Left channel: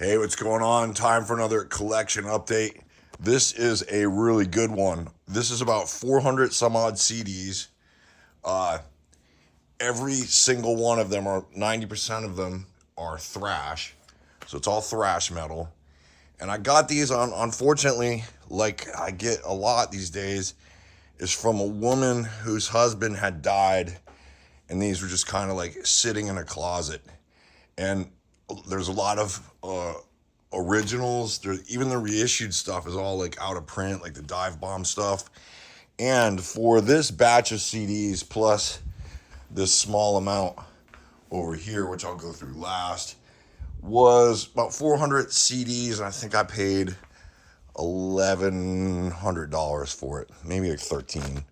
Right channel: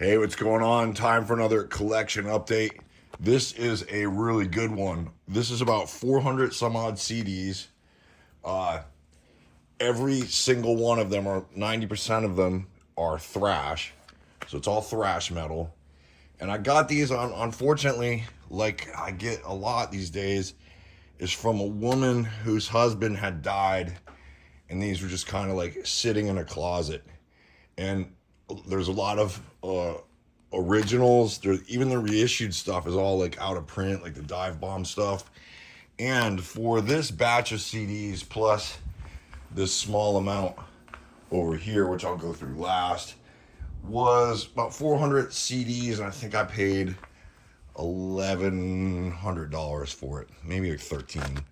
Hey, what's going on? Time for another collection update. This is a really good one. This is about 400 some odd CDs. Every single one of them, or 90% of them, are thrash. So it's all thrash metal. And I got these on, unfortunately, like I get a lot these days, is from a woman whose husband had died. And these were just kind of like sitting in a closet. And there's a lot of originals. Even the reissued stuff is all like out of print, like the Dive Bomb stuff. And for this batch of CDs plus this small amount over here, which I'll go through last, was about 400 CDs, and I think I paid $1,100 for it, maybe like 13.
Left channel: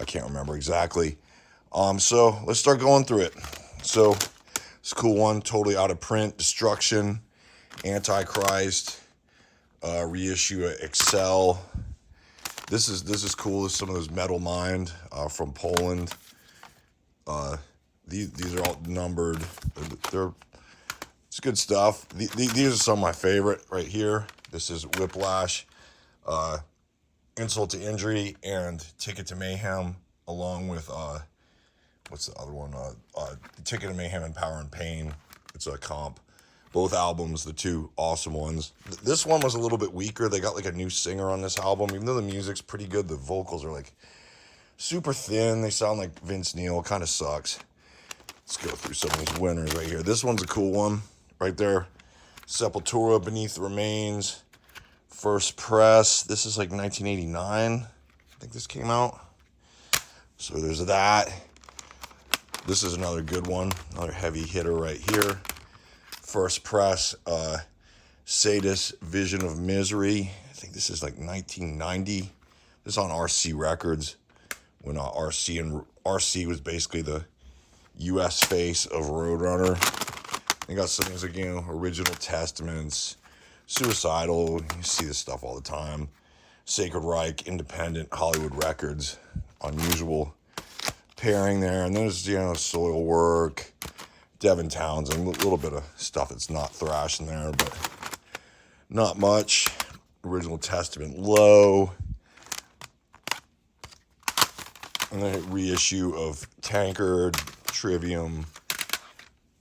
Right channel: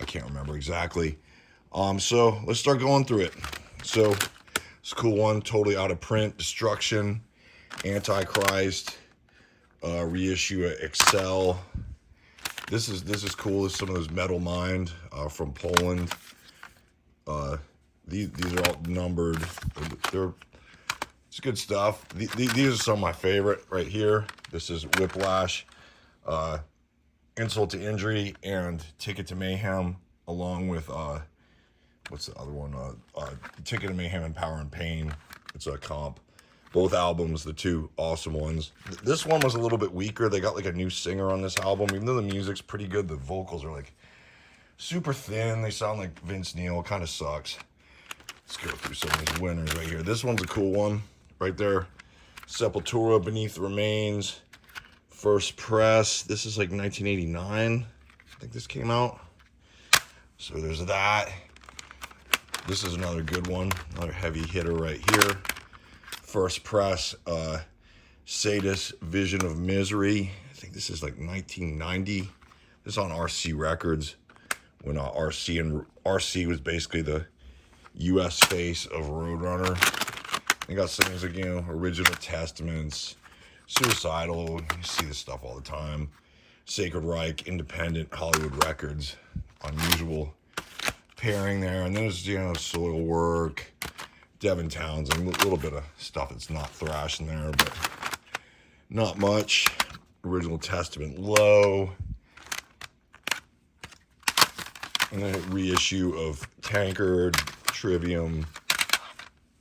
I can't remember exactly. So let's start going through it. So it's a cool one, totally out of print. Destruction, Antichrist, reissue Excel. This is cool. This is some of those Metal Mind from Poland. These are all numbered. It's good stuff. These are some of my favorite right here. This is Whiplash, Insult to Injury, and Ticket to Mayhem, along with what's the other one? Ticket to Mayhem and Power and Pain. It's a comp. Both albums, the two awesome ones. This one was a little bit weaker. They got like a new singer on this album. Even though the music's pretty good, the vocals are like super thin. They sound like Vince Neil. Kind of sucks. Let's go through some of these winners right here. This one's a cool one right there. Sepultura, Beneath the Remains. First Press. This is like 1989. I think this came out. So there's that. This is another good one. Another heavy hitter right here. First Press, Sadist, Vision of Misery. I think this is like 1990. This is on RC Records, when RC was basically the U.S. face of Roadrunner. They got some things like, Original Testaments, Suicidal. You see this stuff all the time. Sacred Reich, Independent, Hollywood Records. Unusual pairing there. And there's, Soil Work, Devin Townsend, a little bit of stuff that's not thrash in there, but not much. Original Testament, Low. And then a reissue of Tankard, Trivium.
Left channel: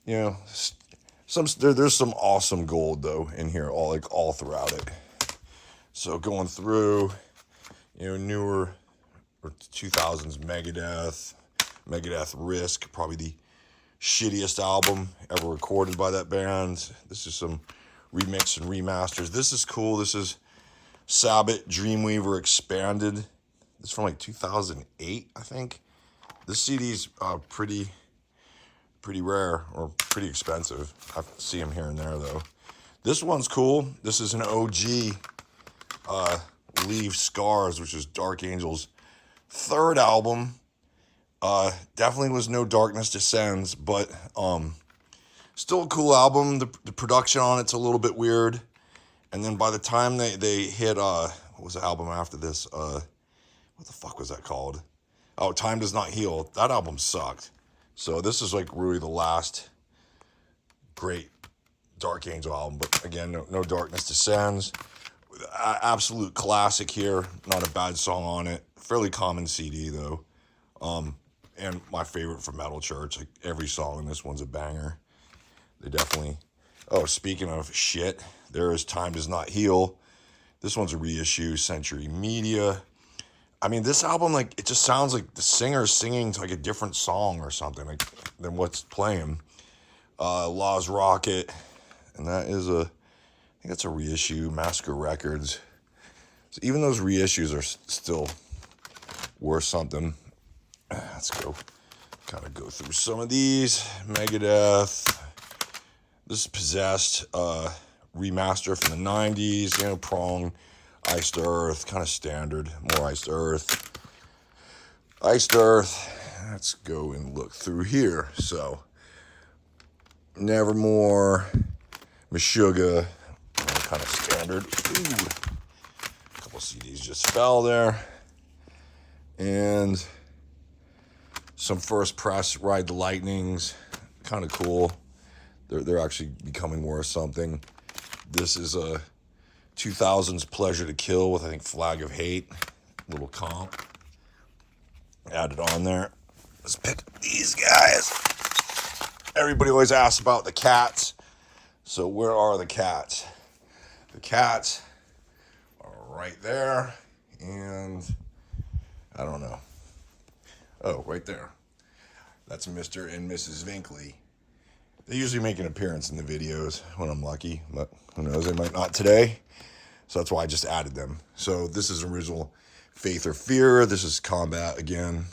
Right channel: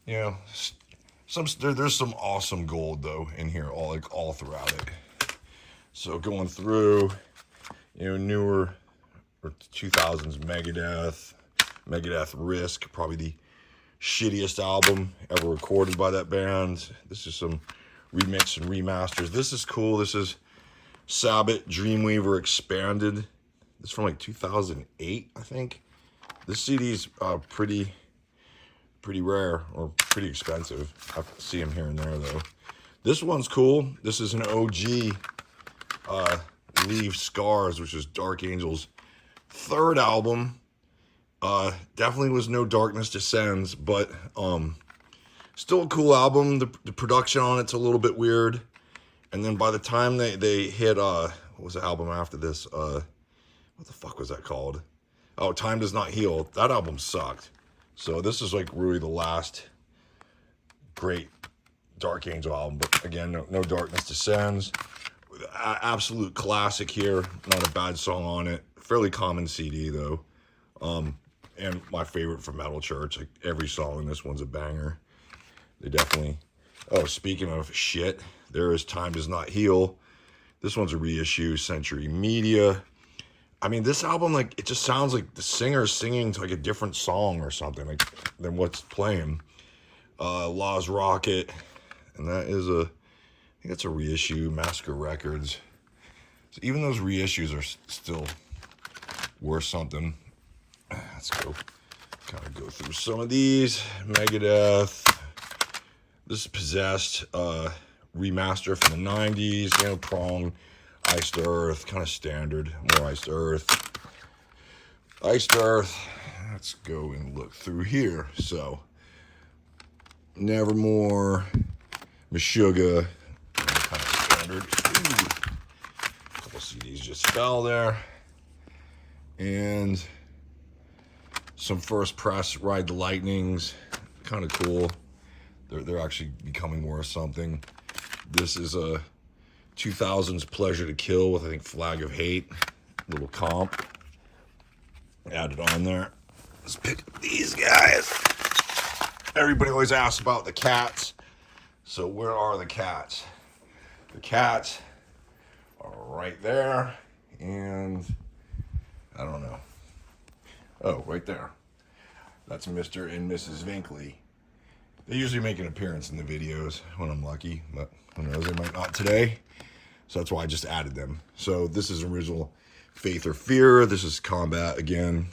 There's some awesome gold though in here, all throughout it. So going through, newer or 2000s Megadeth Risk, probably the shittiest album ever recorded by that band. This is some remix and remasters. This is cool. This is Sabbath Dreamweaver Expanded. This is from like 2008, I think. This CD is pretty rare, or pretty expensive. I see them here and there though. This one's cool. This is an OG Leave Scars, which is Dark Angel's third album. Definitely was no Darkness Descends, but still a cool album. The production on it's a little bit weird. And then by the time they hit what was the album after this? What the fuck was that called? Oh, Time Does Not Heal. That album sucked. So this is like really the last great Dark Angel album. But again, no Darkness Descends. Absolute classic here. Not a bad song on it. Fairly common CD though. And my favorite from Metal Church. Like every song in this one's a banger. They definitely. Oh, speaking of shit, there is Time Does Not Heal. This one's a reissue. Century Media. I mean, this album, like, it just sounds like the singer's singing to like a different song or something like than what's playing. Law's Rocket, and that is I think that's a reissue. Massacre Records. So even those reissues are still worth something. Let's go kind of go through some of these. Megadeth. This is Possessed, remaster from the 90s. Prong, Iced Earth, kind of standard. More Iced Earth. Iced Earth. Let's go and look through here. So, Nevermore, Meshuggah, kind of standard. Ooh. A couple CDs just fell there. And some First Press, Ride the Lightnings, kind of cool. They're actually becoming worth something. This is a 2000s Pleasure to Kill with, I think, Flag of Hate. Little comp. Added on there. Let's pick up these guys. Everybody always asks about the cats. So where are the cats? The cats are right there. And I don't know. Oh, right there. That's Mr. and Mrs. Vinkley. They usually make an appearance in the videos when I'm lucky, but who knows, they might not today. So that's why I just added them. So this is original Faith or Fear. This is Combat again.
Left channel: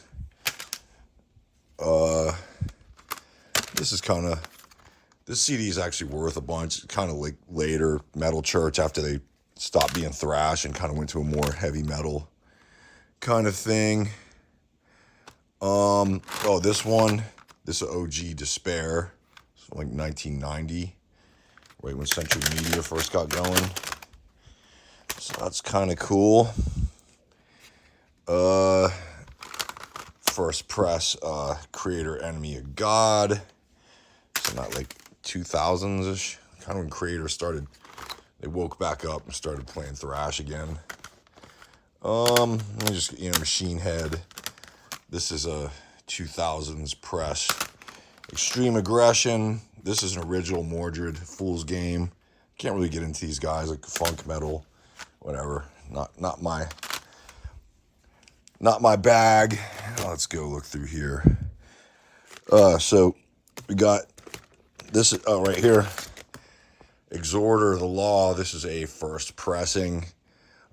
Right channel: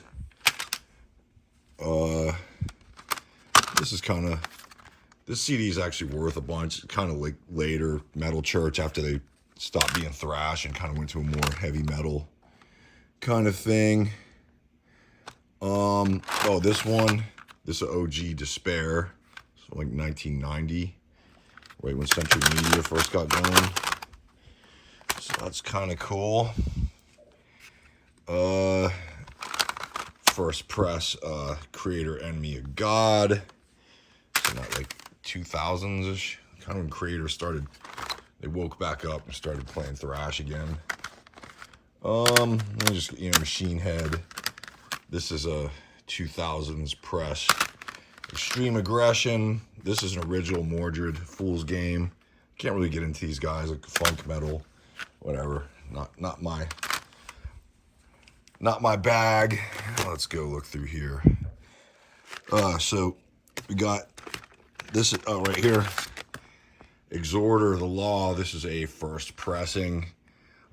This is kind of, this CD is actually worth a bunch. Kind of like later Metal Church after they stopped being thrash and kind of went to a more heavy metal kind of thing. Oh, this one, this is OG Despair. So like 1990, right when Century Media first got going. So that's kind of cool. First press, Creator Enemy of God. So not like 2000s-ish. Kind of when Creator started, they woke back up and started playing thrash again. Let me just, Machine Head. This is a 2000s press. Extreme Aggression. This is an original Mordred Fool's Game. Can't really get into these guys, like funk metal, whatever. Not my bag. Let's go look through here. So we got this right here. Exhorter of the Law. This is a first pressing.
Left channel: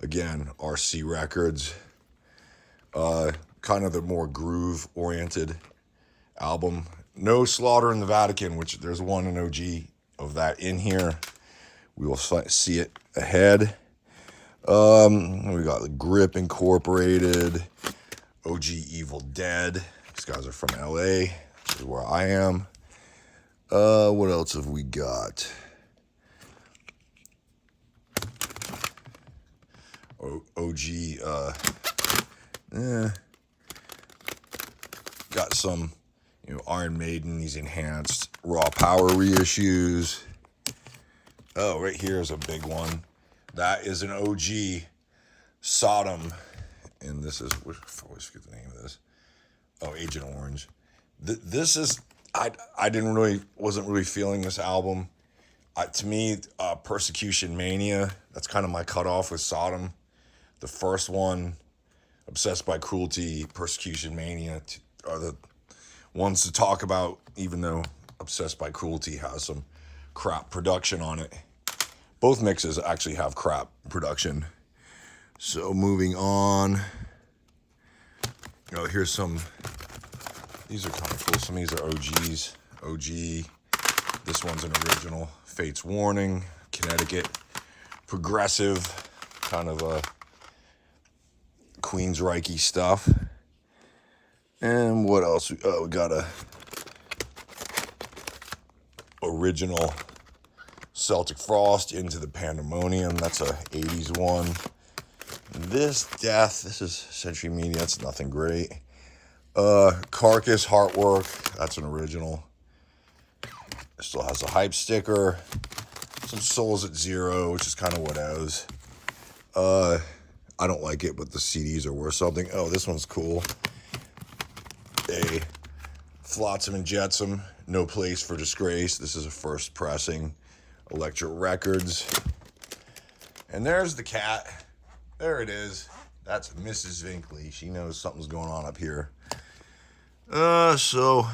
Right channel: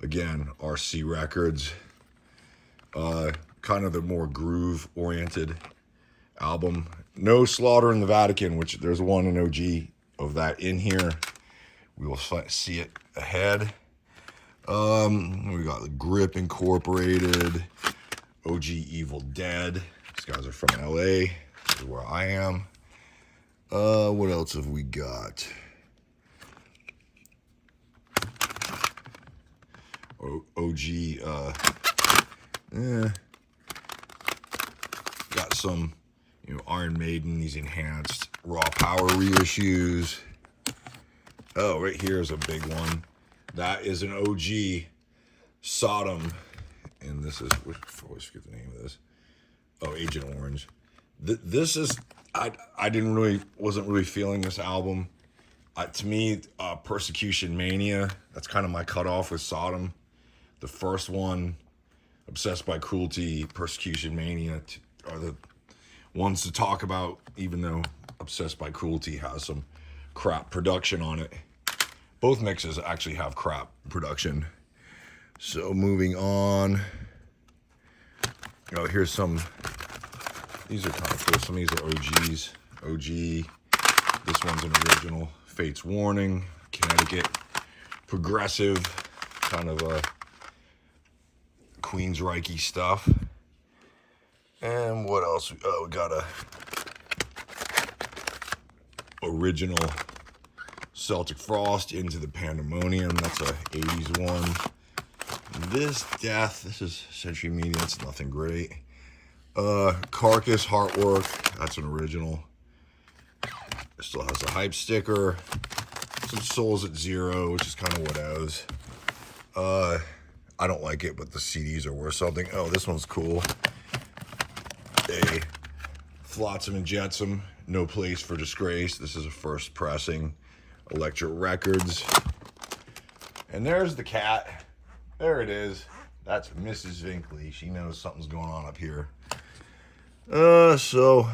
Again, RC Records. Kind of the more groove-oriented album. No Slaughter in the Vatican, which there's an OG of that in here. We will see it ahead. We got the Grip Incorporated, OG Evil Dead. These guys are from LA. This is where I am. What else have we got? OG, got some, Iron Maiden, these enhanced Raw Power reissues. Oh, right here is a big one. That is an OG Sodom. And this is, I always forget the name of this. Oh, Agent Orange. This is, wasn't really feeling this album. To me, Persecution Mania, that's kind of my cutoff with Sodom. The first one, Obsessed by Cruelty, Persecution Mania, are the ones to talk about, even though Obsessed by Cruelty has some crap production on it. Both mixes actually have crap production. So moving on. Oh, here's some. These are kind of cool. Some of these are OGs. OG. This one's an original. Fate's Warning. Connecticut. Progressive. Kind of a Queensryche stuff. And what else? Oh, we got a original Celtic Frost, Into the Pandemonium. That's a 80s one. This Death, this is Century Media. That's nothing great. Carcass Heartwork. That's an original. It still has a hype sticker. Some Souls at Zero, which is kind of what I was. I don't like it, but the CDs are worth something. Oh, this one's cool. A Flotsam and Jetsam, No Place for Disgrace. This is a first pressing. Electric Records. And there's the cat. There it is. That's Mrs. Vinkley. She knows something's going on up here. So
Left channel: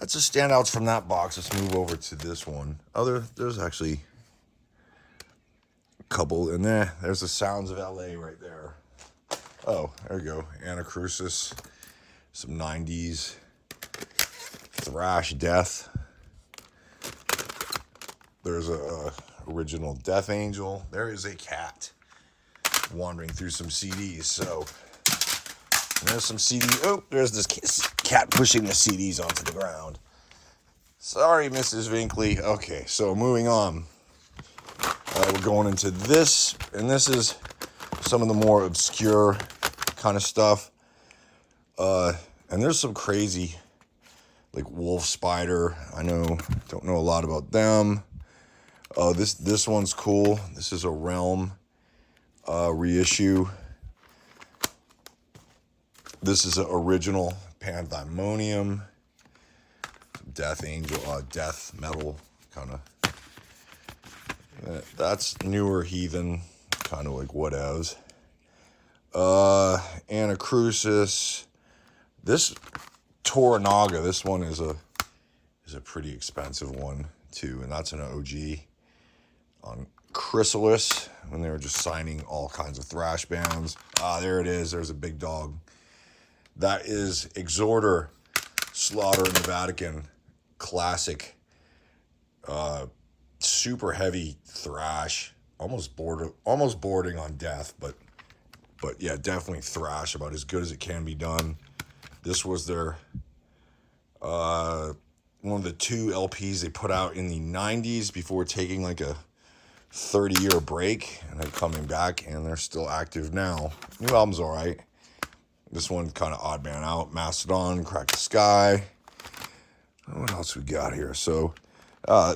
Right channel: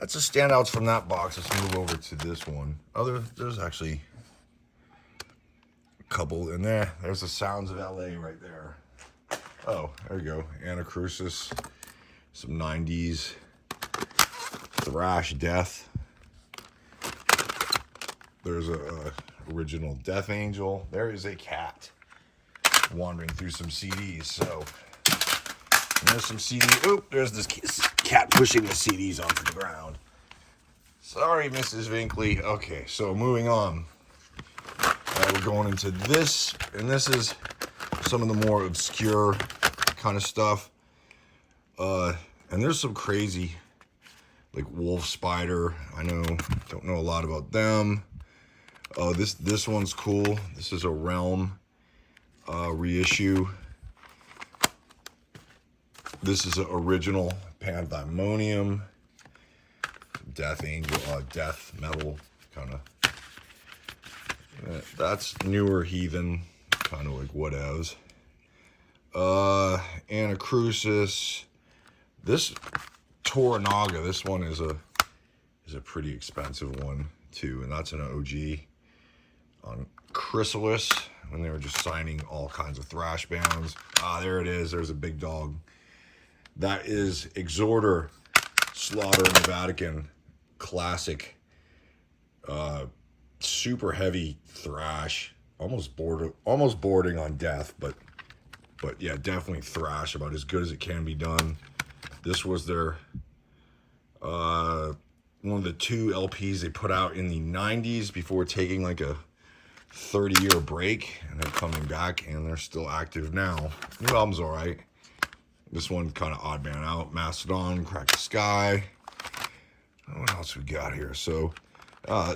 that's the standouts from that box. Let's move over to this one. Oh, there's actually a couple in there. There's the Sounds of LA right there. Oh, there you go. Anacrusis. Some 90s. Thrash Death. There's a original Death Angel. There is a cat wandering through some CDs. So there's some CDs. Oh, there's this cat pushing the CDs onto the ground. Sorry, Mrs. Vinkley. Okay, so moving on. We're going into this, and this is some of the more obscure kind of stuff. And there's some crazy, like Wolf Spider. I don't know a lot about them. Oh, this one's cool. This is a Realm reissue. This is an original Pandemonium, Death Angel, Death Metal kind of. That's newer Heathen, kind of like whatevs. Anacrusis. This Toranaga, this one is a pretty expensive one too, and that's an OG on Chrysalis when they were just signing all kinds of thrash bands. There it is. There's a big dog. That is Exhorter, Slaughter in the Vatican, classic, super heavy thrash, almost bordering on death, but yeah, definitely thrash, about as good as it can be done. This was their one of the 2 LPs they put out in the 90s before taking like a 30-year break, and then coming back, and they're still active now. New album's all right. This one kind of odd man out. Mastodon, Crack the Sky. What else we got here? So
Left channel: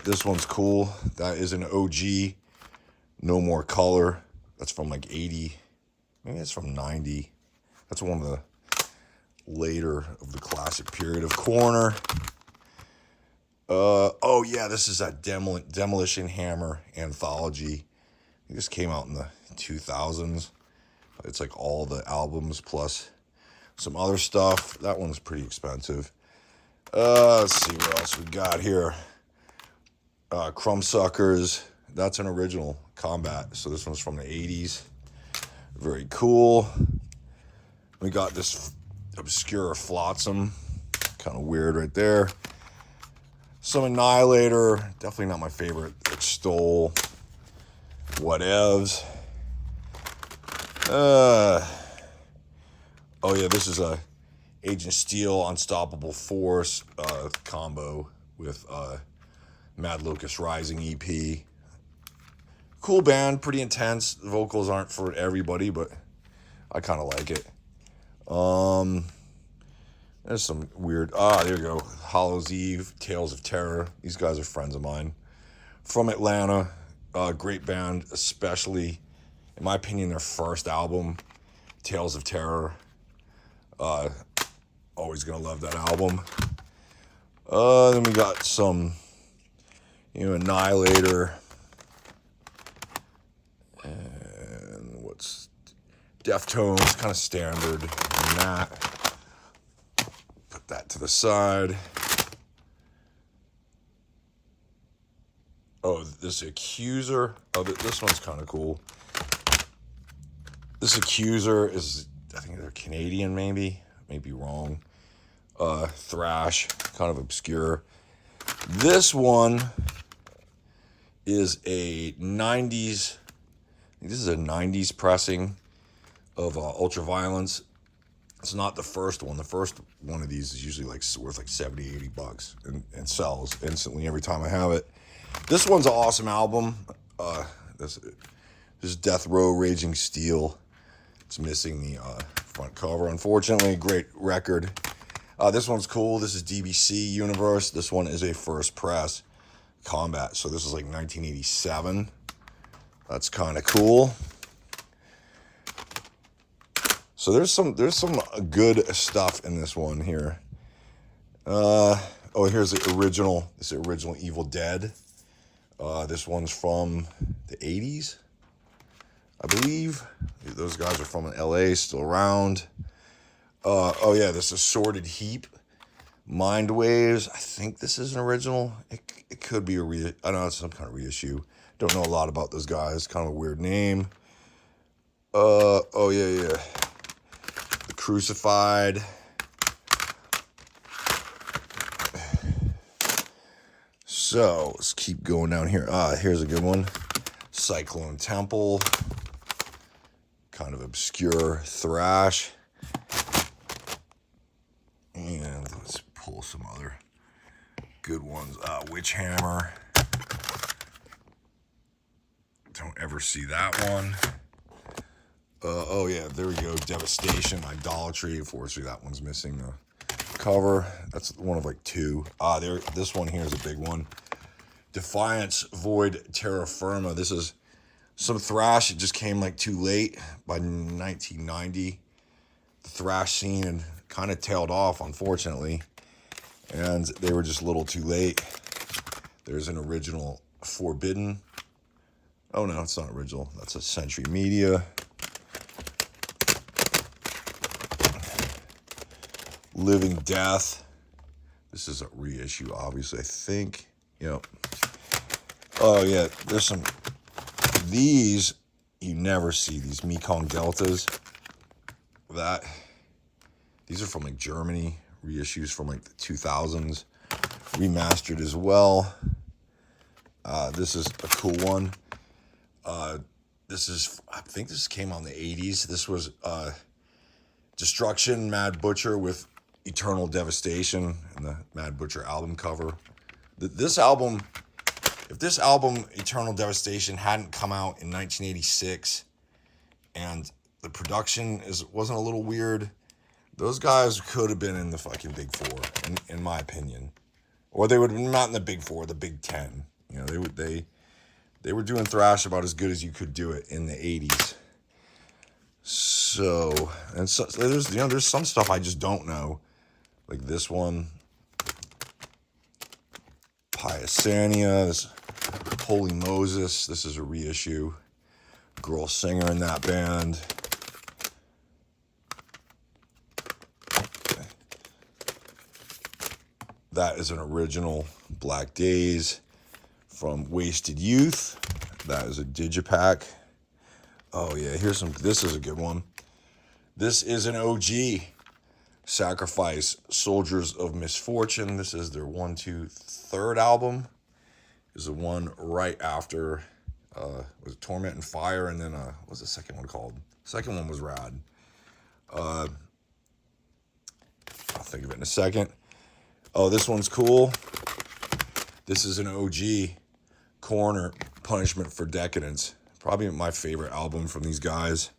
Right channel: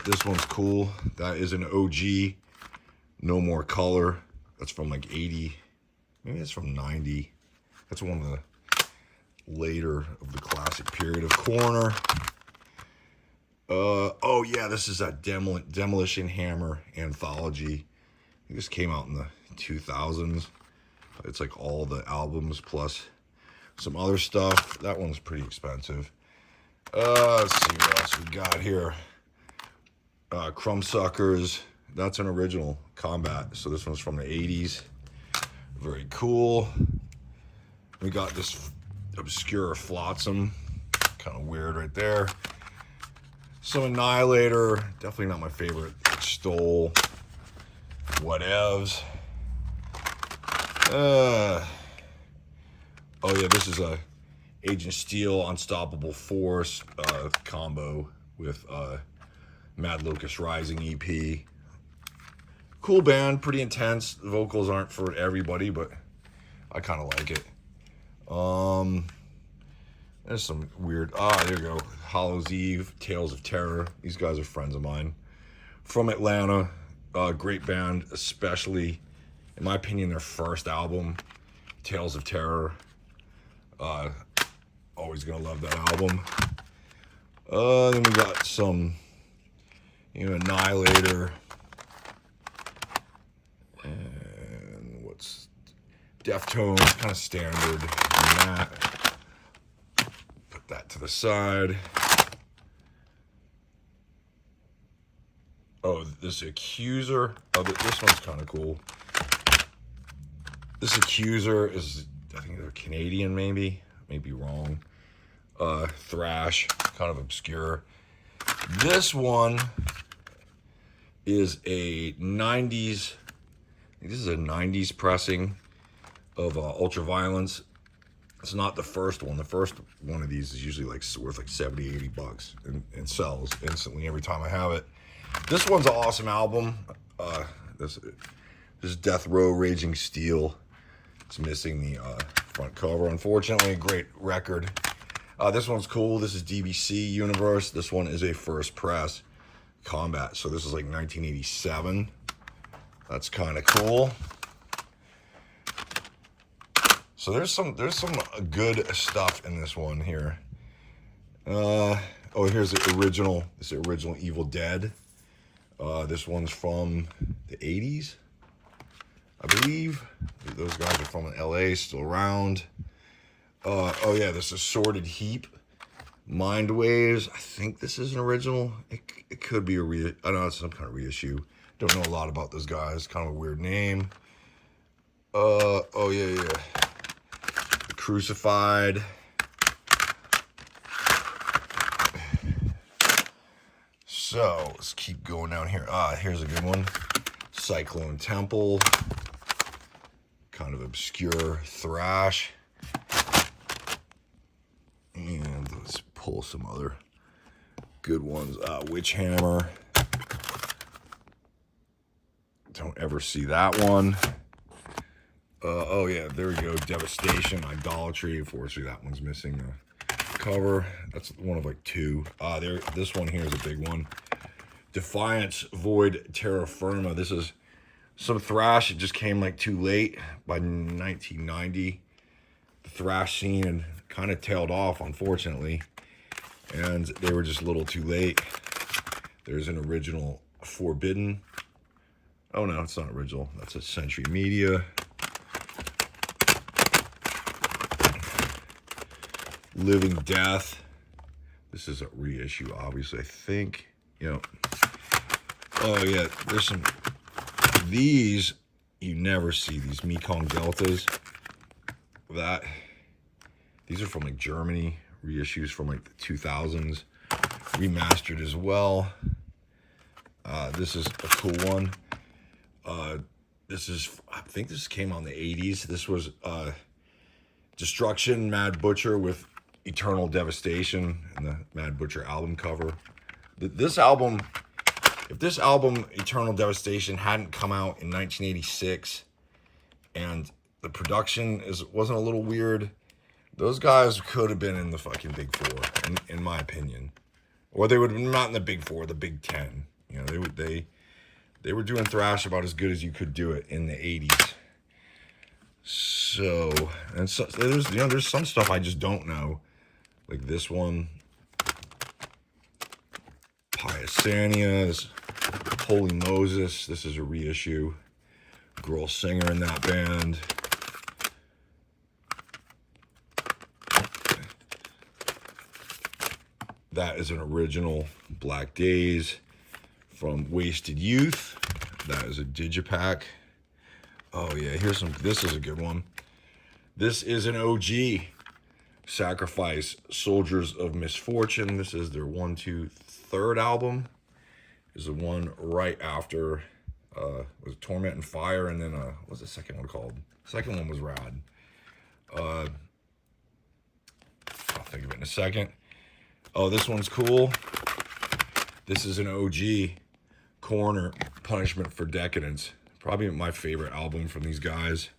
this one's cool. That is an OG. No More Color. That's from like 80. Maybe it's from 90. That's one of the later of the classic period of Corner. Oh yeah, this is that Demolition Hammer anthology. I think this came out in the 2000s. It's like all the albums plus some other stuff. That one's pretty expensive. Let's see what else we got here. Crumbsuckers. That's an original Combat. So this one's from the 80s. Very cool. We got this obscure Flotsam. Kind of weird right there. Some Annihilator. Definitely not my favorite. Stole. Whatevs. Oh yeah, this is a Agent Steel Unstoppable Force combo with Mad Locust Rising EP. Cool band, pretty intense. The vocals aren't for everybody, but I kind of like it. There's some weird, there you go. Hollow's Eve, Tales of Terror. These guys are friends of mine. From Atlanta, great band, especially, in my opinion, their first album, Tales of Terror. Always gonna love that album. Then we got some, Annihilator. And what's Deftones, kind of standard in that. Put that to the side. Oh, this Accuser. Oh, this one's kind of cool. This Accuser is, I think they're Canadian, maybe be wrong. Thrash, kind of obscure. This one is a 90s. This is a 90s pressing of Ultraviolence. It's not the first one. The first one of these is usually like worth like 70, 80 bucks and sells instantly every time I have it. This one's an awesome album. This is Death Row Raging Steel. It's missing the front cover, unfortunately. Great record. This one's cool. This is DBC Universe. This one is a first press Combat. So this is like 1987. That's kind of cool. So there's some good stuff in this one here. Oh, here's the original. This is the original Evil Dead. This one's from the 80s, I believe. Those guys are from LA, still around. Oh yeah, this is Assorted Heap. Mind Waves. I think this is an original. It could be I don't know, it's some kind of reissue. Don't know a lot about those guys. Kind of a weird name. Oh yeah. The Crucified. So let's keep going down here. Here's a good one. Cyclone Temple. Kind of obscure thrash. And let's pull some other good ones. Witch Hammer. Don't ever see that one. Oh yeah, there we go. Devastation, Idolatry. Unfortunately, that one's missing the cover. That's one of like 2. This one here is a big one. Defiance Void Terra Firma. This is some thrash. It just came like too late by 1990. The thrash scene had kind of tailed off, unfortunately, and they were just a little too late. There's an original Forbidden. Oh no, it's not original. That's a Century Media. Living Death. This is a reissue, obviously, I think. Yep. Oh yeah, there's some. These, you never see these Mekong Deltas. These are from like Germany, reissues from like the 2000s, remastered as well. This is a cool one. This is, I think this came out in the 80s. This was Destruction, Mad Butcher with Eternal Devastation and the Mad Butcher album cover. This album, if this album, Eternal Devastation, hadn't come out in 1986 and the production wasn't a little weird, those guys could have been in the fucking Big Four, in my opinion. Or they would have been not in the Big Four, the Big Ten. You know, they were doing thrash about as good as you could do it in the 80s. So, and so, there's some stuff I just don't know. Like this one. Piasania, this Holy Moses. This is a reissue. Girl singer in that band. That is an original Black Days from Wasted Youth. That is a digipack. Oh yeah, here's some. This is a good one. This is an OG. Sacrifice, Soldiers of Misfortune. This is their 1, 2, 3rd album. Is the one right after was it Torment and Fire, and then what's the second one called? Second one was rad. I'll think of it in a second. Oh, this one's cool. This is an OG, Corner, Punishment for Decadence. Probably my favorite album from these guys.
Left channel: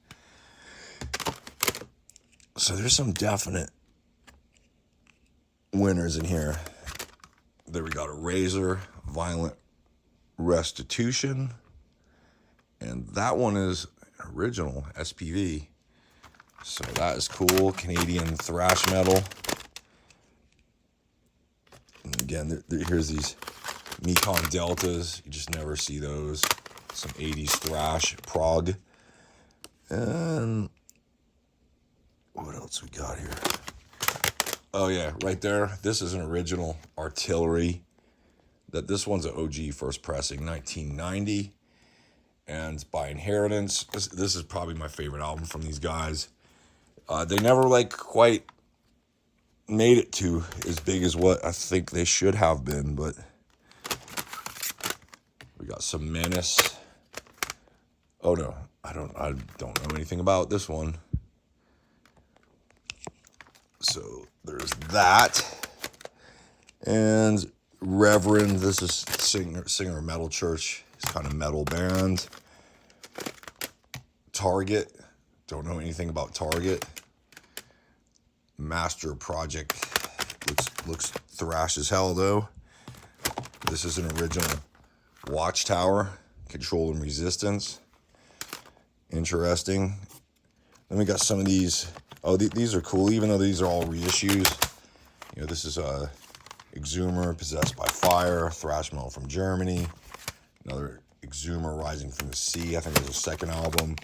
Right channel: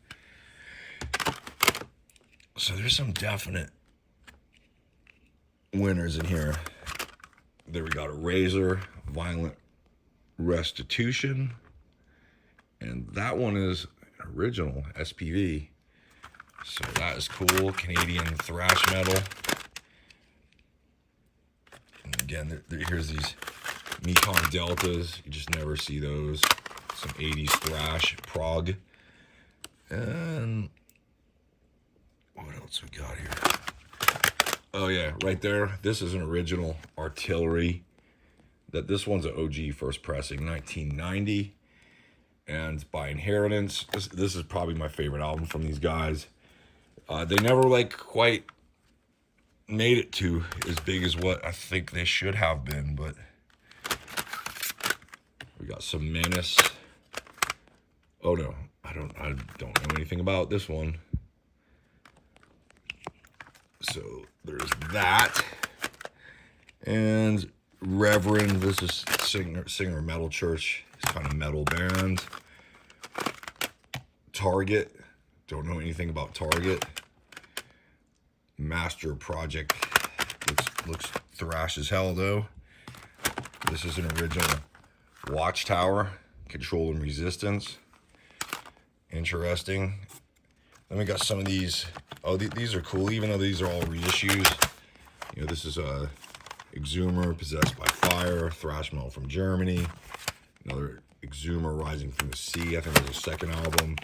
So there's some definite winners in here. There we got a Razor, Violent Restitution. And that one is original, SPV. So that is cool. Canadian thrash metal. And again, here's these Mekong Deltas. You just never see those. Some 80s thrash, prog. And what else we got here? Oh yeah, right there. This is an original Artillery. This one's an OG first pressing, 1990. And by inheritance, this is probably my favorite album from these guys. They never like quite made it to as big as what I think they should have been, but we got some Menace. Oh no, I don't know anything about this one. So there's that. And Reverend, this is singer Metal Church. It's kind of metal band. Target, don't know anything about Target. Master Project, looks thrash as hell though. This is an original Watchtower, Control and Resistance. Interesting. Then we got some of these. Oh, these are cool, even though these are all reissues. You know, this is Exhumer, Possessed by Fire, thrash metal from Germany. Another Exhumer, Rising from the Sea. I think it was the second album.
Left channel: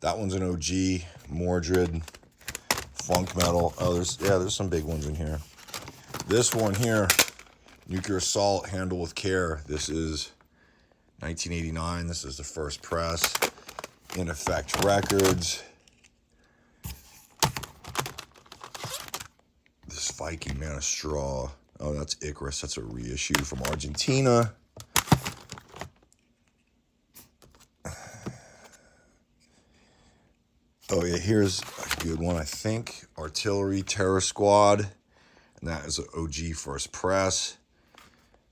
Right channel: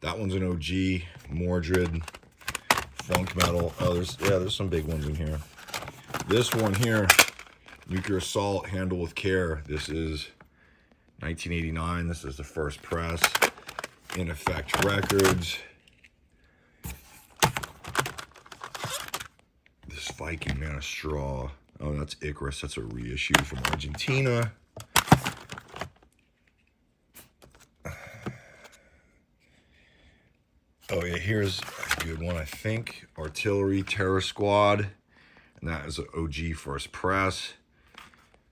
That one's an OG. Mordred, funk metal. Oh, there's some big ones in here. This one here, Nuclear Assault, Handle with Care. This is 1989. This is the first press. In Effect Records. This Viking Man of Straw. Oh, that's Icarus. That's a reissue from Argentina. Oh yeah, here's a good one, I think. Artillery, Terror Squad. And that is an OG first press.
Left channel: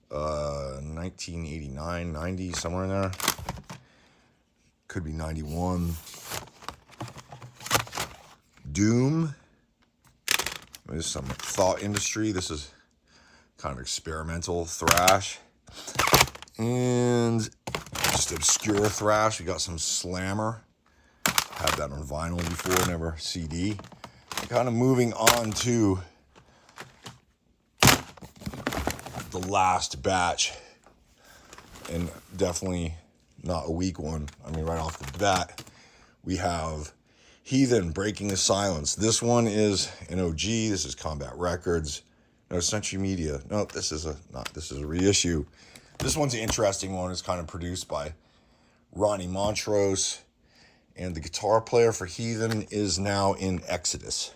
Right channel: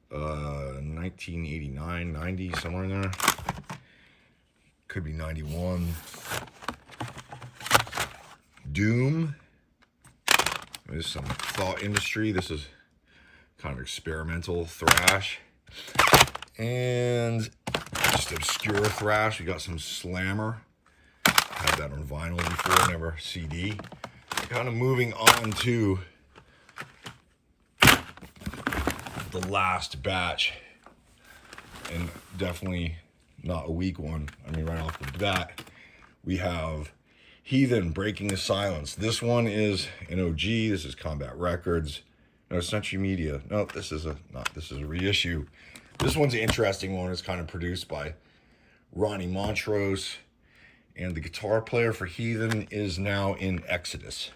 1989, 90, somewhere in there. Could be 91. Doom. This is some Thought Industry. This is kind of experimental thrash. And just obscure thrash. We got some Slammer. Had that on vinyl before, never CD. Kind of moving on to the last batch. And definitely not a weak one. I mean, right off the bat, we have Heathen, Breaking the Silence. This one is an OG. This is Combat Records. No, Century Media. No, this is a reissue. This one's an interesting one. It's kind of produced by Ronnie Montrose. And the guitar player for Heathen is now in Exodus.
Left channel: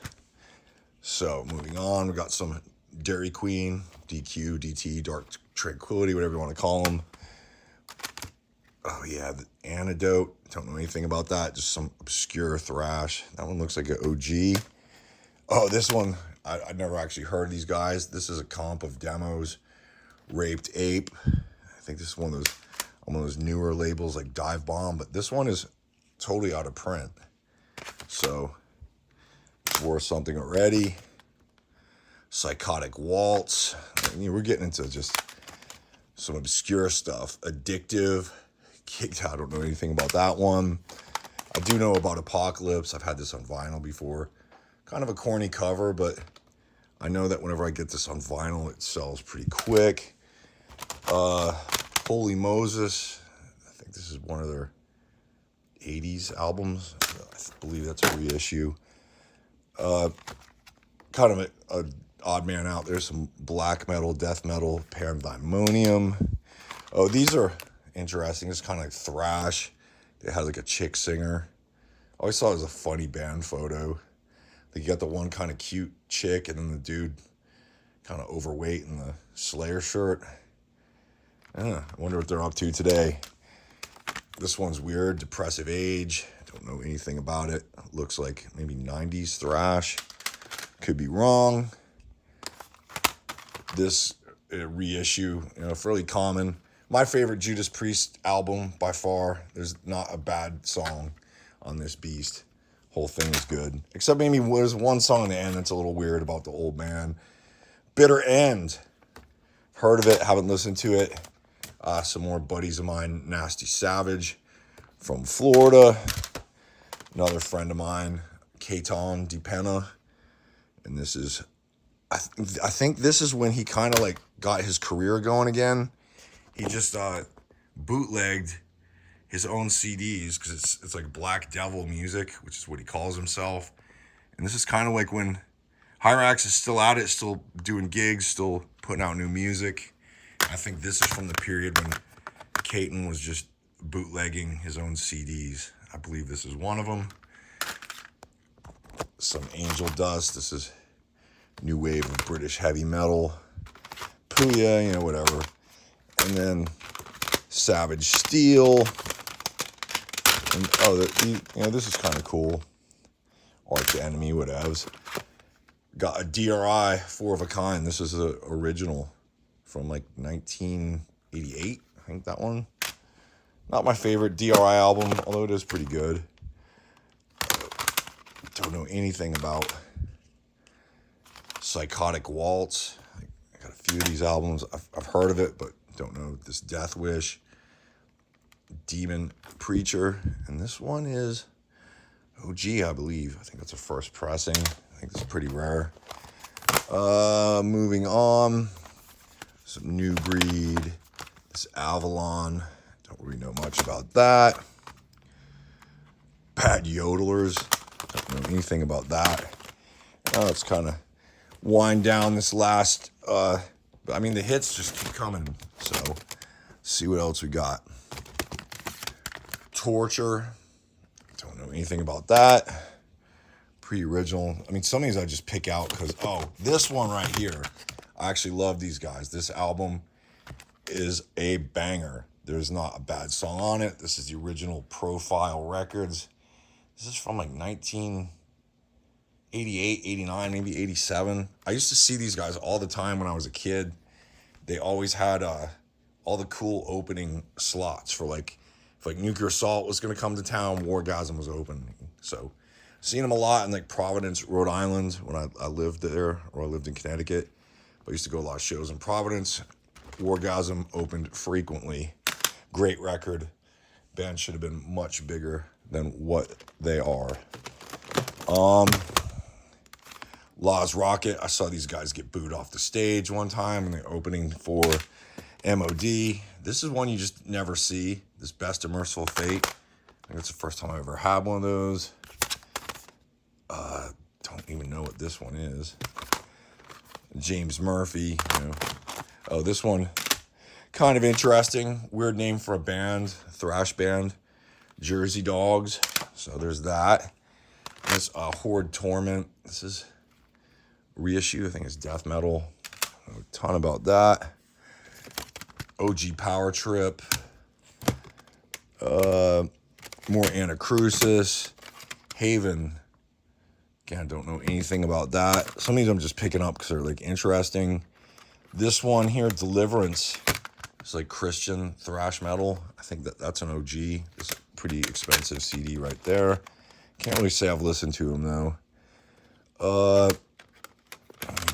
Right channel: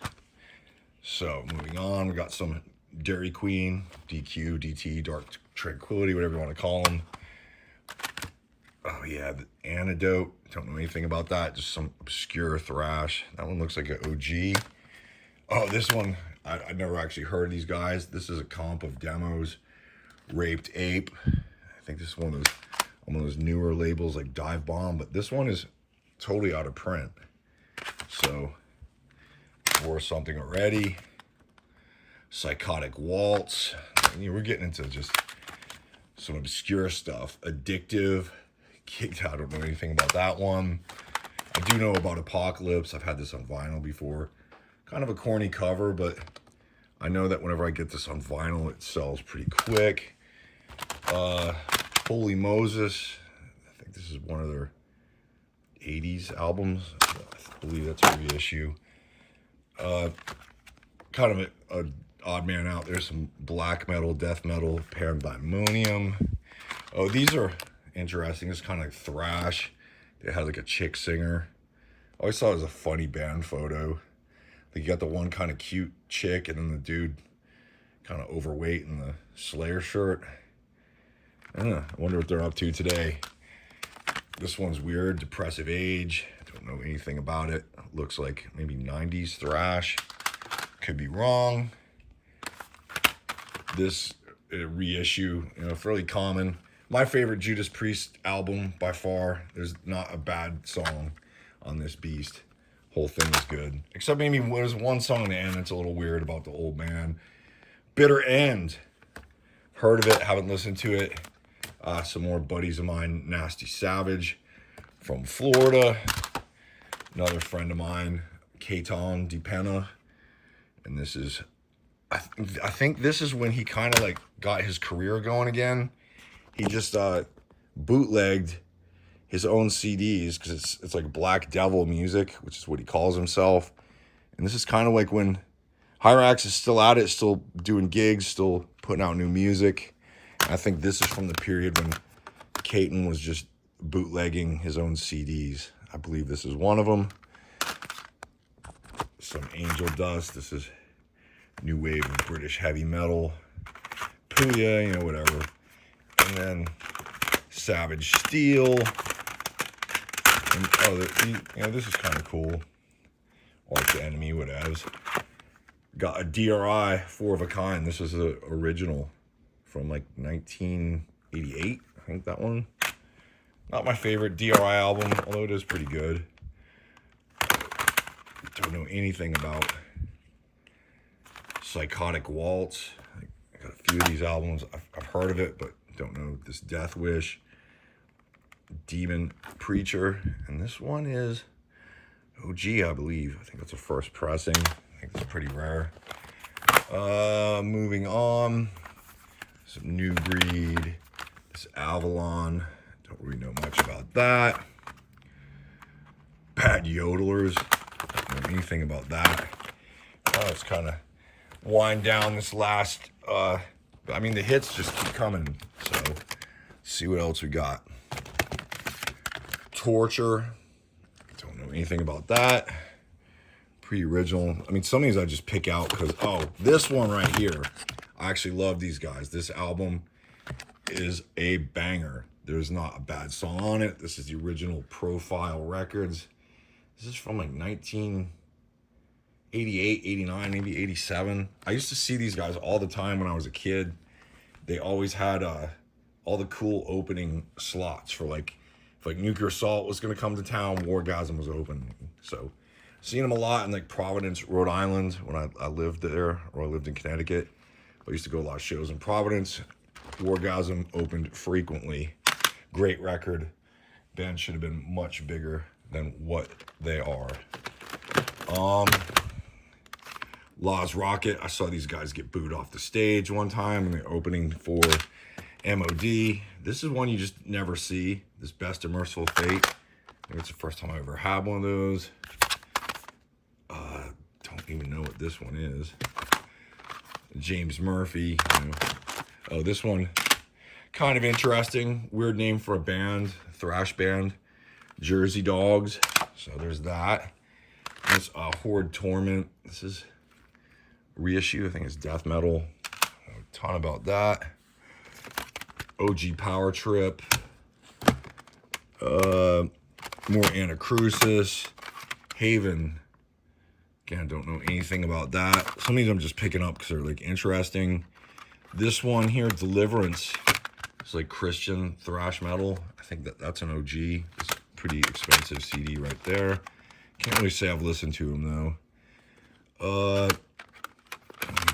So, moving on, we got some Dairy Queen, DQ, DT, Dark Tranquility, whatever you want to call them. Oh, yeah, the Antidote. Don't know anything about that. Just some obscure thrash. That one looks like an OG. Oh, this one, I never actually heard of these guys. This is a comp of demos. Raped Ape. I think this is one of those newer labels like Dive Bomb, but this one is totally out of print. So, worth something already. Psychotic Waltz. I mean, we're getting into just some obscure stuff. Addictive. Kicked out. I don't know anything about that one. I do know about Apocalypse. I've had this on vinyl before. Kind of a corny cover, but I know that whenever I get this on vinyl, it sells pretty quick. Holy Moses. I think this is one of their 80s albums. I believe that's a reissue. Kind of an odd man out there. Some black metal, death metal, Pandemonium. Oh, these are interesting. It's kind of like thrash. It had like a chick singer. I always thought it was a funny band photo. Like you got the one kind of cute chick and then the dude kind of overweight in the Slayer shirt. I wonder what they're up to today. This one's weird. Depressive Age. Don't know anything about it. Looks like maybe 90s thrash. Could be wrong. This reissue, fairly common. My favorite Judas Priest album by far. There's not a bad song on this beast. Whole thing is good. Except maybe there's one song in the end that's a little weird about the old man. Bitter End. Heard of it, haven't listened to it. Some more buddies of mine, Nasty Savage from Florida. Another friend of mine, Katon DiPenna. And this is, I think this is when he kind of like got his career going again. He just bootlegged his own CDs because it's like Black Devil music, which is what he calls himself. And this is kind of like when Hyrax is still at it, still doing gigs, still putting out new music. I think this is from the period when Caton was just bootlegging his own CDs. I believe this is one of them. Some Angel Dust. This is new wave of British heavy metal. Puya, whatever. And then Savage Steel. And, this is kind of cool. Arch Enemy, whatevs. Got a DRI, 4 of a Kind. This is the original from like 1988. I think that one. Not my favorite DRI album, although it is pretty good. Don't know anything about Psychotic Waltz. I got a few of these albums. I've heard of it, but don't know this. Death Wish, Demon Preacher, and this one is OG, I believe. I think that's a first pressing. I think it's pretty rare. Moving on, some New Breed. This Avalon. Don't really know much about that. Bad Yodelers. Don't know anything about that. Let's kind of wind down this last. I mean, the hits just keep coming. So, see what else we got. Torture. Don't know anything about that. Pre-original. I mean, some of these I just pick out because, this one right here. I actually love these guys. This album is a banger. There's not a bad song on it. This is the original Profile Records. This is from like 1988, 89, maybe 87. I used to see these guys all the time when I was a kid. They always had all the cool opening slots for like, if like Nuclear Assault was going to come to town, Wargasm was open. So, seen them a lot in like Providence, Rhode Island when I lived there, or I lived in Connecticut. I used to go to a lot of shows in Providence. Orgasm opened frequently. Great record. Band should have been much bigger than what they are. Law's Rocket. I saw these guys get booed off the stage one time in the opening for MOD. This is one you just never see. This Best of Merciful Fate. I think it's the first time I ever had one of those. Don't even know what this one is. James Murphy. You know. Oh, this one, kind of interesting. Weird name for a band, thrash band. Jersey Dogs. So there's that. That's Horde Torment. This is reissue. I think it's death metal. A ton about that. OG Power Trip. More Anacrusis. Haven. Again, don't know anything about that. Some of these I'm just picking up because they're like interesting. This one here, Deliverance. It's like Christian thrash metal. I think that's an OG. It's a pretty expensive CD right there. Can't really say I've listened to them though.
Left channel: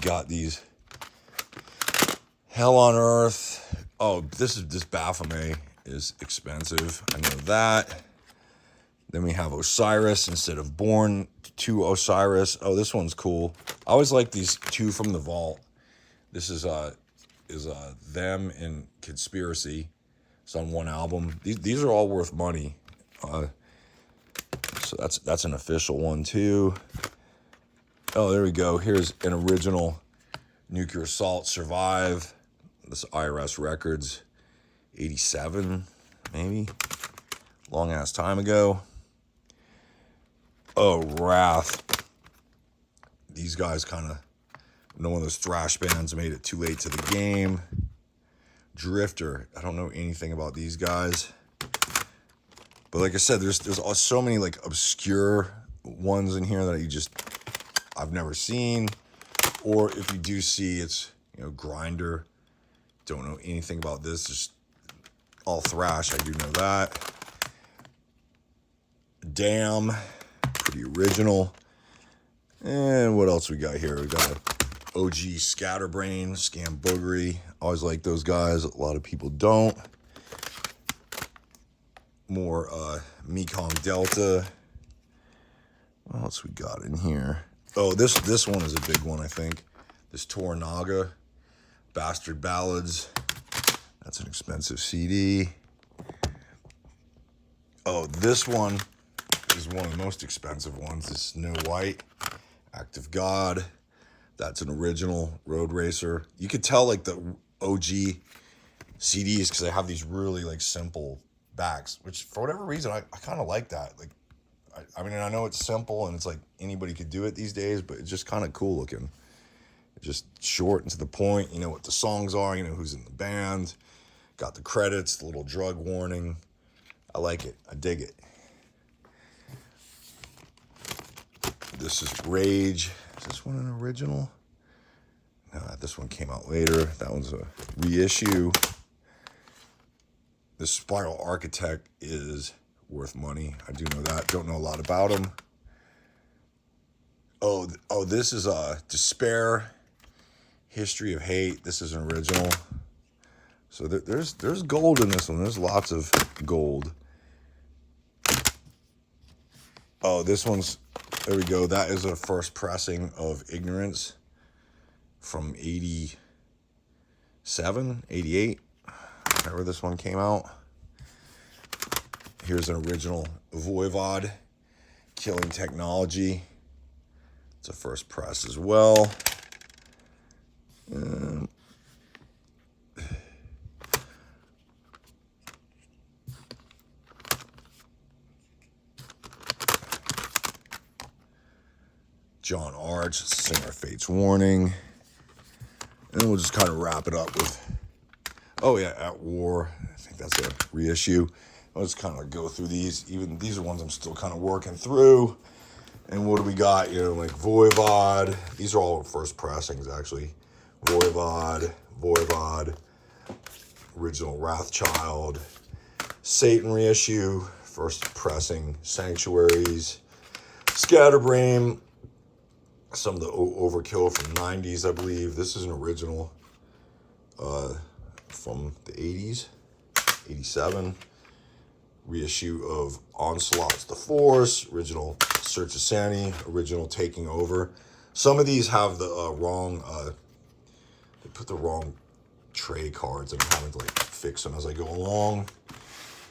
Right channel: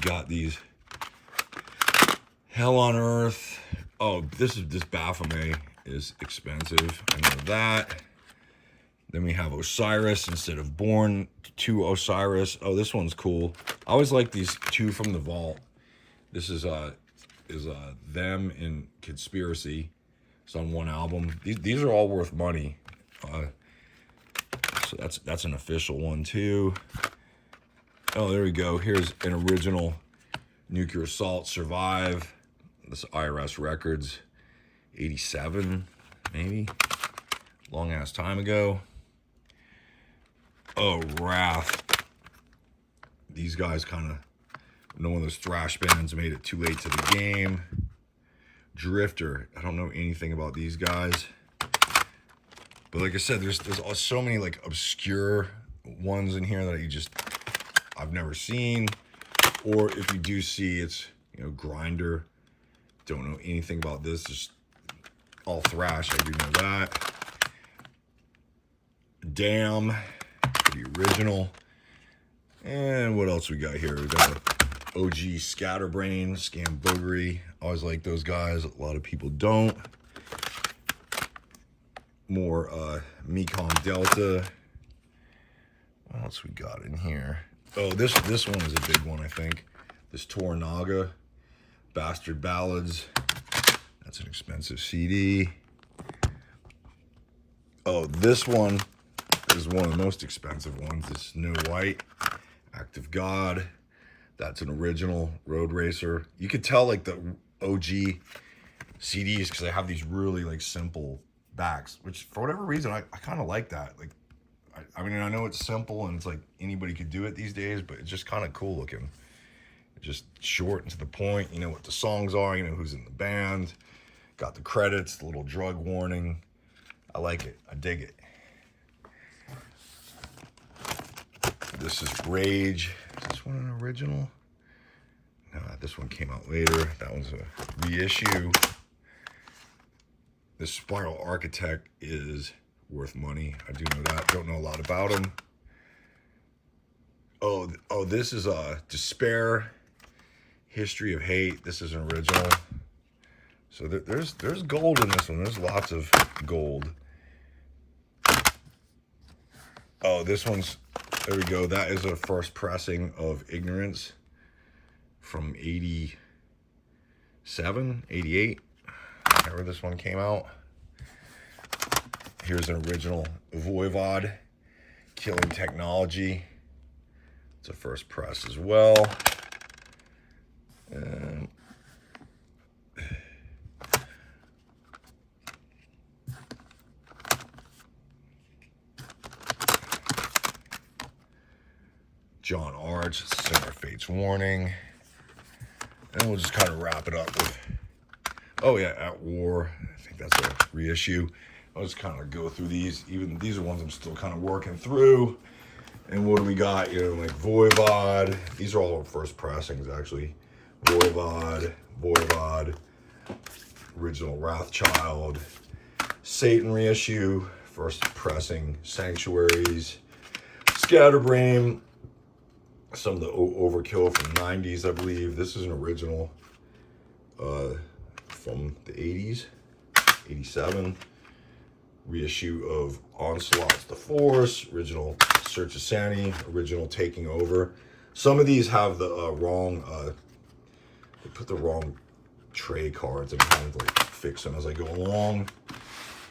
Got these. Hell on Earth. Oh, this Baphomet is expensive. I know that. Then we have Osiris instead of Born to Osiris. Oh, this one's cool. I always like these two from the vault. This is them and Conspiracy. It's on one album. These are all worth money. So that's an official one too. Oh, there we go. Here's an original Nuclear Assault Survive. This IRS Records, 87 maybe. Long ass time ago. Oh, Wrath. These guys kind of, one of those thrash bands made it too late to the game. Drifter. I don't know anything about these guys. But like I said, there's so many like obscure ones in here that I've never seen. Or if you do see, it's, you know, Grinder. Don't know anything about this. Just all thrash. I do know that. Damn. The original. And what else we got here? We got OG Scatterbrain, Scam Boogery. Always like those guys. A lot of people don't. More Mekong Delta. What else we got in here? Oh, this one is a big one, I think. This Toranaga. Bastard Ballads. That's an expensive CD. Oh, this one is one of the most expensive ones. This Snow White, Act of God. That's an original Road Racer. You could tell like the OG CDs because they have these really like simple backs, which for whatever reason I kind of like that. Like, I mean, I know it's simple and it's like anybody could do it these days, but it's just kind of cool looking. Just short and to the point. You know what the songs are. You know who's in the band. Got the credits, the little drug warning. I like it. I dig it. This is Rage. Is this one an original? No, this one came out later. That one's a reissue. This Spiral Architect is worth money. I do know that. Don't know a lot about him. Oh, this is Despair. History of Hate. This is an original. So there's gold in this one. There's lots of gold. Oh, this one's, there we go. That is a first pressing of Ignorance from 87, 88, whenever this one came out. Here's an original Voivod, Killing Technology. It's a first press as well. John Arch, Singer Fate's Warning. And we'll just kind of wrap it up with, oh yeah, At War. I think that's a reissue. I'll just kind of go through these. Even these are ones I'm still kind of working through. And what do we got? You know, like Voivod. These are all first pressings, actually. Voivod, original Wrathchild, Satan reissue, first pressing, Sanctuaries, Scatterbrain, some of the Overkill from the 90s, I believe. This is an original from the 80s, 87. Reissue of Onslaught's The Force, original Search of Sanity, original Taking Over. Some of these have the wrong, they put the wrong tray cards, and I'm having to like fix them as I go along.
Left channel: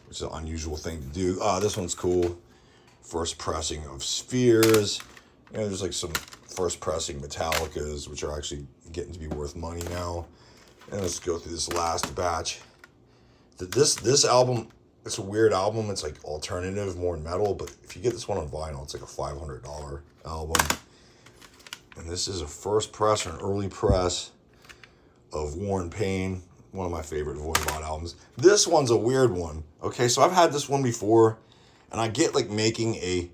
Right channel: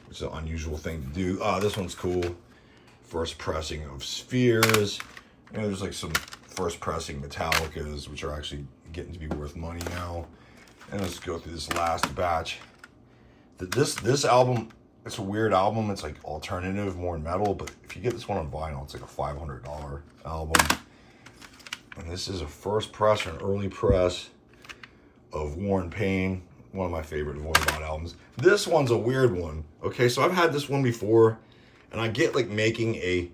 It's an unusual thing to do. This one's cool. First pressing of Spheres. You know, there's like some first pressing Metallicas, which are actually getting to be worth money now. And let's go through this last batch. This album, it's a weird album. It's like alternative, more metal, but if you get this one on vinyl, it's like a $500 album. And this is a first press or an early press of War and Pain, one of my favorite Voivod albums. This one's a weird one. Okay, so I've had this one before, and I get like making a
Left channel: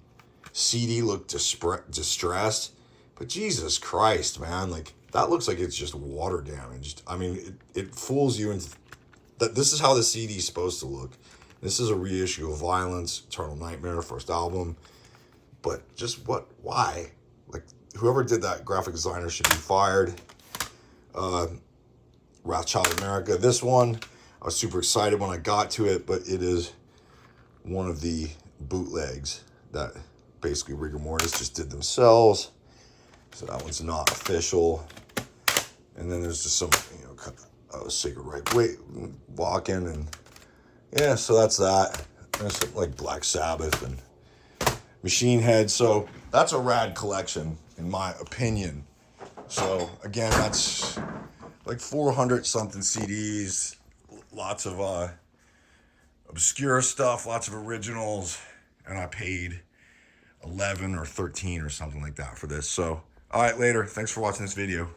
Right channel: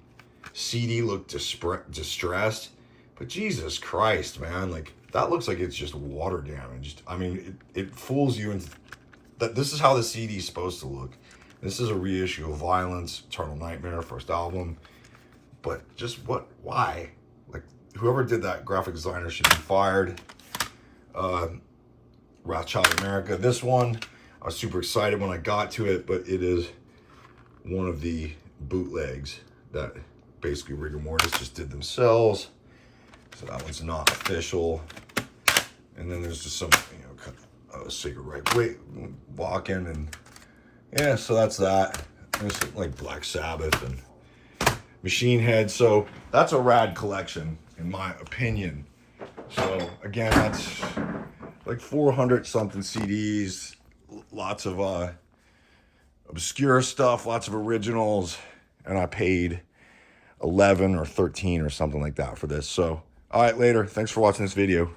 CD look distressed, but Jesus Christ, man, like that looks like it's just water damaged. I mean, it fools you into that this is how the CD is supposed to look. This is a reissue of Violence, Eternal Nightmare, first album, but just why? Like, whoever did that graphic designer should be fired. Wrathchild America. This one, I was super excited when I got to it, but it is one of the bootlegs that basically Rigor Mortis just did themselves. So that one's not official. And then there's just some, you know, kind of Sacred Right Wait walking, and yeah, so that's that. There's like Black Sabbath and Machine Head. So that's a rad collection, in my opinion. So again, that's like 400 something CDs, lots of obscure stuff, lots of originals, and I paid 11 or 13 or something like that for this. So, all right, later. Thanks for watching this video.